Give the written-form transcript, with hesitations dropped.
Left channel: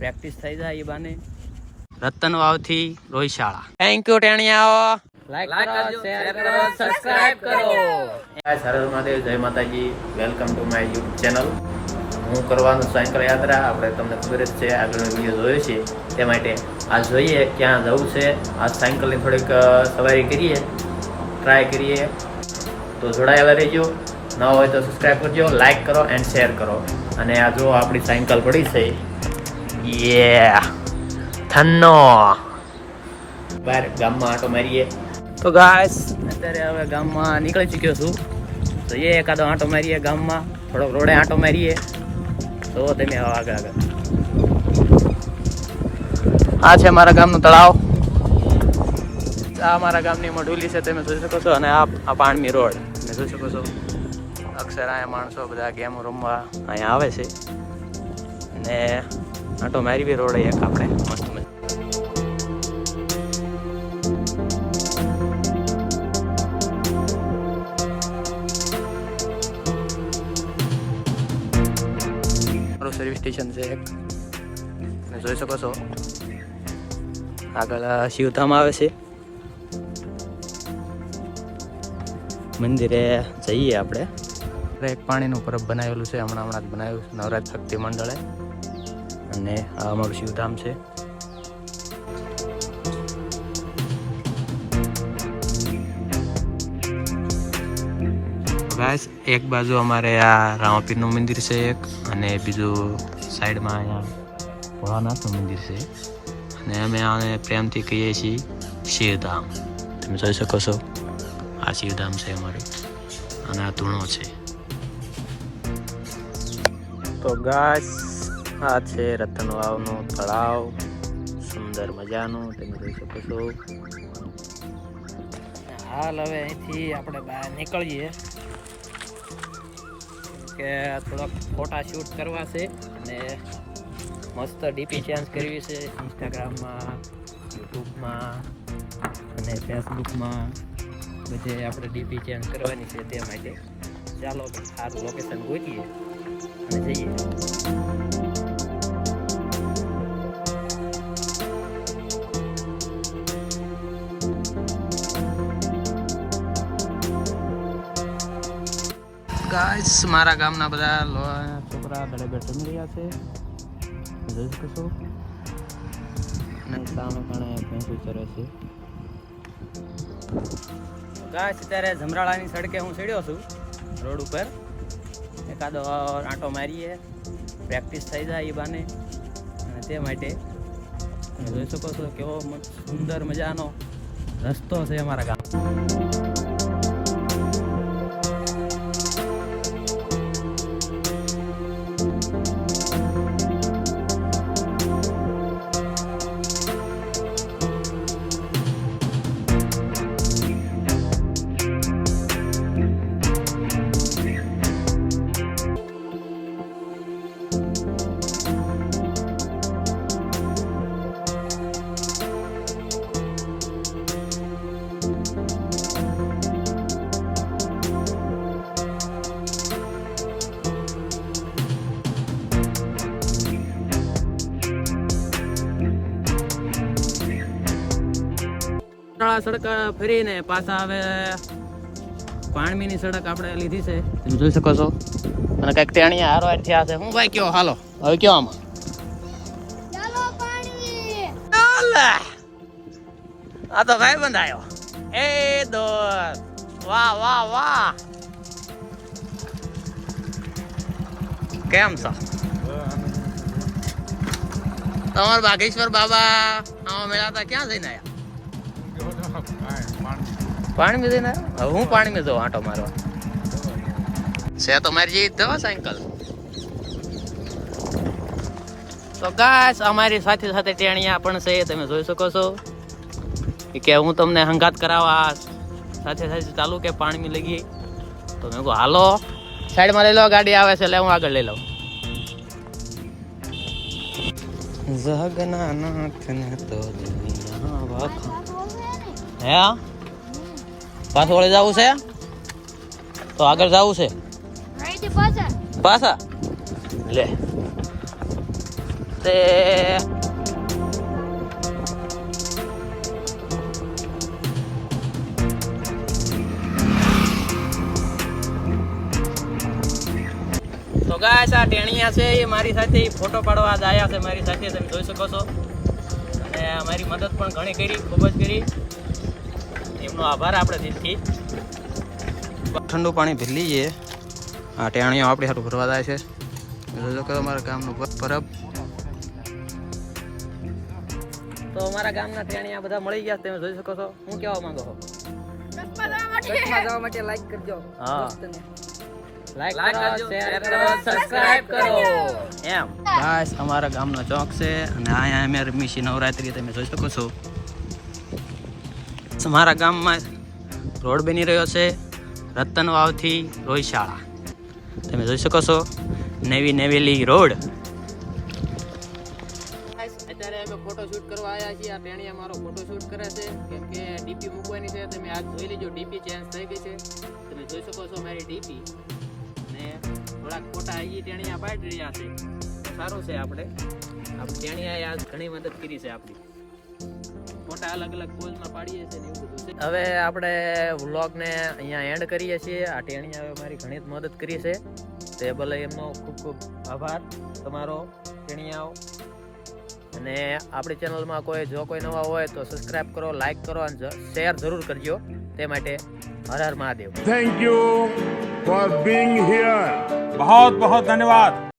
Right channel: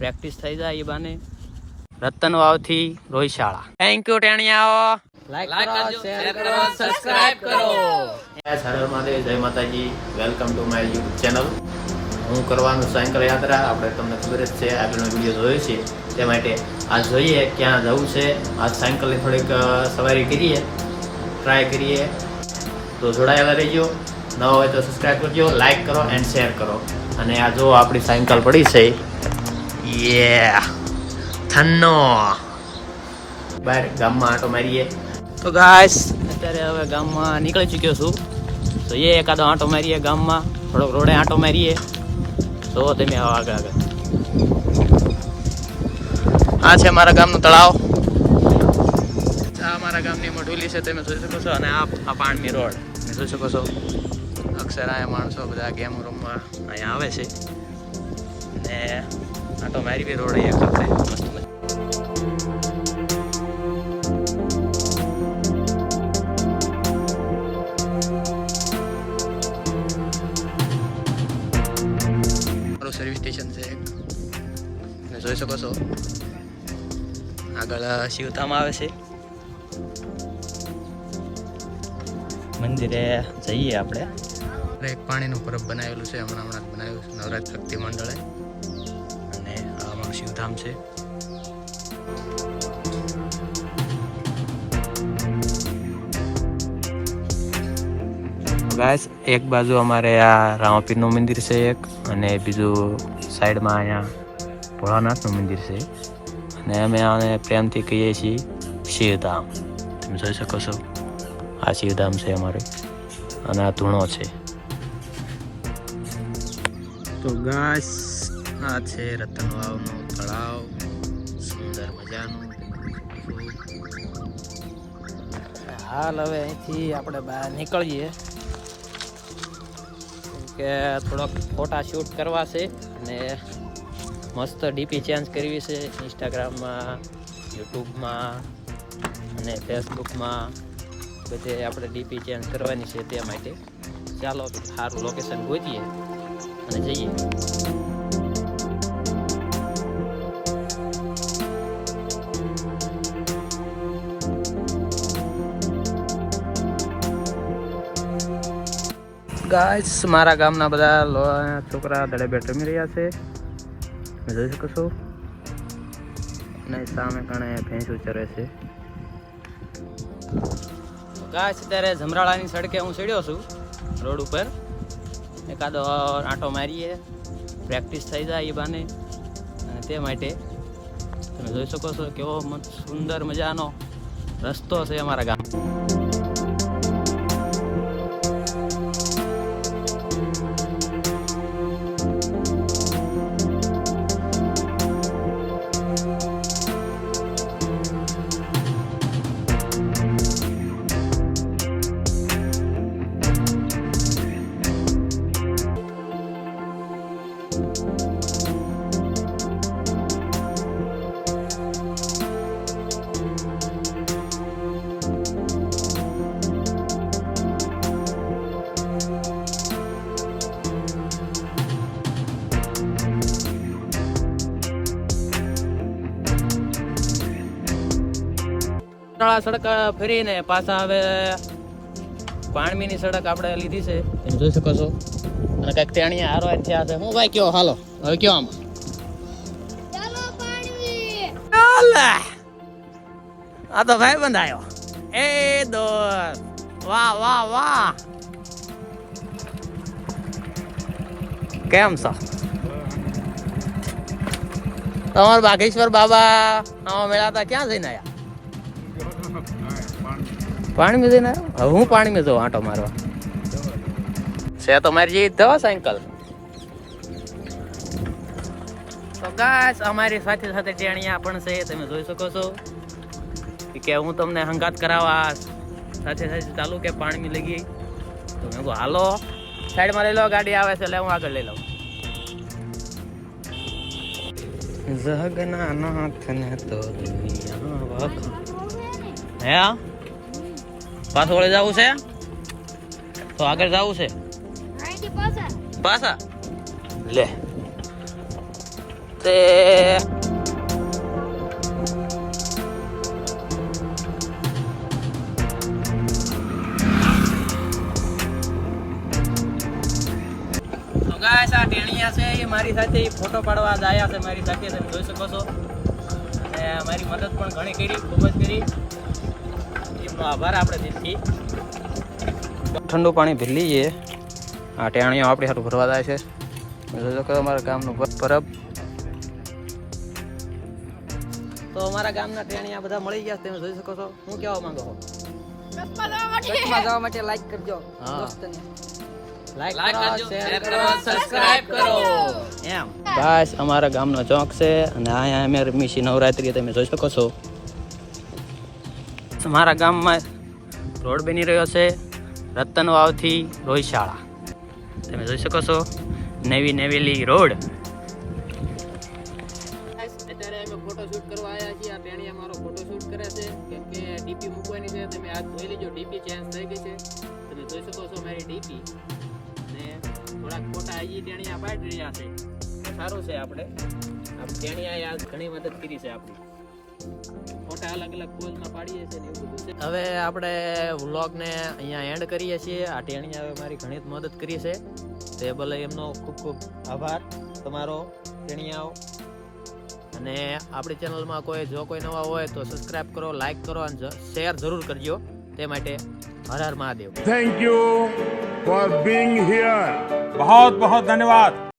Practice થઈ જાય એ બાને. રતન વાવથી રોહિશાળા. થેન્ક યુ ટેણિયાઓ. લાઈક કરો, શેર કરો, સબસ્ક્રાઇબ કરો. હર હર મહાદેવ, જય Mataji. Welcome to my YouTube channel. હું કરવાનું સાયકલ યાત્રા, આપણે તમને ખબર જ છે, આગળનો વિડીયો જોયો છે, તે માટે આજ જોઈએ ક્યાં જવું છે. આજ સાયકલની થોડીક સવારી કરીએ, ટ્રાય કરીએ, તો જોડાયેલા રહીજો. ન હોય તો સબસ્ક્રાઈબ કરજો, લાઈક કરો એન્ડ શેર કરો. અને આ જો આપણી સાયકલ પડી છે, યે થન્નો બહાર ગામમાં આંટો મારીએ. તો ગાઈસ અત્યારે હવે ગામમાં નીકળી ચૂક્યો છું, તો એ એકાદો આંટો મારીએ ગામમાં, થોડોક રોડે આંટો મારીએ. તો તમે આગળ આગળ આ છે મારા ગામનું તળાવ. આ મારા ગામની મઢુલી છે, તમે જોઈ શકો છો. અને આ પાણની રોડ તમે જોઈ શકો છો. અક્ષર અહીંયા માણસો બધા ગેમ રમવા અહીંયા આવે છે. ને આંટો મારી બી રોડ એક આપણે. સર્વિસ સ્ટેશન છે એક, તમે જોઈ શકો છો. આગળ શિવધામ આવે છે. મંદિરે જઈએ આપણે. એક પાણીનું પરબ બનાવેલું છે, હમણાં જ બનાવ્યું છે નવરાત્ર શક્તિ મંડળે. અને આ અમારું શિવધામ છે. ગાઈસ એક બાજુ અમારે આ રામાપીરનું મંદિર છે એક, અને બીજું સાઈડમાં અહીંયા ભોળાનાથનું મંદિર છે. અને અમે આને પ્રેમથી કહીએ છીએ શિવધામ. તમે જોઈ શકો છો, આ શિવધામ છે અમારે. અને આ ધૂણો છે. તો ગાઈસ આ છે રતન વાવનું તળાવ, સુંદર મજાનું, તમે જોઈ શકો છો. હાલ હવે અહીંથી આપણે બહાર નીકળીએ, કે થોડોક ફોટા શૂટ કરવા છે. અને મસ્ત ડીપી ચેન્જ કરવી છે ઇન્સ્ટાગ્રામમાં, યુટ્યુબમાં અને ફેસબુકમાં, બધે આપણે ડીપી ચેન્જ કરવાની છે. તે માટે ચાલો સારું લોકેશન ગોતીએ અને જઈએ. ગાઈસ મારા ગામના બધા છોકરા દડે બેટ રમી રહ્યા છે, જોઈ શકો છો. અને સામે કારણે ભેંસ ચરે છે. ગાઈસ અત્યારે જમરાળાની સડકે હું ચડ્યો છું રોડ ઉપર. એકાદો આંટો મારીએ, પ્રેક્ટિસ થઈ જાય એ બાને. અને તે માટે તમે જોઈ શકો છો કેવો સુંદર મજાનો રસ્તો છે અમારા ગામ. સડક ફરીને પાછા હવે પાણમીની સડક આપણે લીધી છે, તમે જોઈ શકો છો. અને કઈક ટેણીયા હારો થયા છે. હું ભાઈ કયો હાલો હવે કયો આમાં ચાલો પાણમી. આ તો ભાઈ બંધાયો એ દોર. વાહ વાહ વાહ, કેમ છો તમાર બાગેશ્વર બાબા આવા મેળા હતા, ક્યાં જઈને આયા? પાણી में देना है, હું પાણી में जाऊँ आटो मारो से तो मारी जी दो साइकिल. તો ગાઈસ અમારી સાથે સાથે ટેણિયા પણ છે, તમે જોઈ શકો છો. કે હું તમને હંગાત કરાવવા સાથે સાથે ચાલુ કે પાણી લઈ ગઈ. તો મેં કહું હાલો સાઈડમાં લઈ લો, ગાડી આવે છે, લે હું આગળ લઈ લઉં. જગન્નાથ ને તો દુનિયા વાખા. હે પાછું વળે જવું છે તો આગળ જવું છે પાછા લે. તે તો ગાઈસ આ ટેણિયા છે એ મારી સાથે ફોટો પાડવા જ આવ્યા છે મારી સાથે, તમે જોઈ શકો છો. અને મારી મદદ પણ ઘણી કરી, ખૂબ જ કરી. એમનો આભાર આપણે દિલથી. ઠંડુ પાણી ભરી લઈએ. આ ટેણીઓ આપણે સારું ભરવા જાય છે. જોજો કે અમારા ગામનું પરબ. તો અમારા ગામના ટેણીયા બધા મળી ગયા, તમે જોઈ શકો છો. હું કહેવા માંગો છો? જવા માટે લાઈક કરજો. હા, લાઈક કરો, શેર કરો, સબસ્ક્રાઇબ કરો. એમ બસ અમારા ગામનો ચોક છે અને અહીંયા અમે રમીશી નવરાત્રી, તમે જોઈ શકો છો. અમારા ગામમાં રોડ બની રહ્યો છે રતન વાવથી રોહિશાળા, તમે જોઈ શકો છો. નવી નવેલી રોડ. અત્યારે અમે ફોટોશૂટ કરવા આવ્યા છીએ. આ ટેણીયા મારો ફોટોશૂટ કરે છે કેમ કે ડીપી મૂકવાની છે. તમે આ જોઈ લેજો, ડીપી ચેન્જ થઈ ગઈ છે. તમે જોઈ શકો છો મારી ડીપી. ને થોડાક ફોટા હજી ટેણીયા પાડી રહ્યા છે. સારું છે, આપણે ટેણીયાએ આજ ઘણી મદદ કરી છે આપણી. ફોટા અલગ અલગ પોઝમાં પાડીએ છીએ ને એવું બધું છે. હવે આપણે વ્લોગને અહીંયા એન્ડ કરીએ છીએ. આ ટેણીયાએ મારી ઘણી મદદ કરી છે, તે ભલે એમનો ખૂબ ખૂબ આભાર તમારો ટેણીયાઓ. અને આપણી ચેનલમાં જો કોઈ નવા હોય તો સબસ્ક્રાઇબ કરો, લાઈક કરો અને શેર જરૂર કરજો. તે માટે હર હર Mahadev. Thank you for being here. बहुत बहुत धन्यवाद।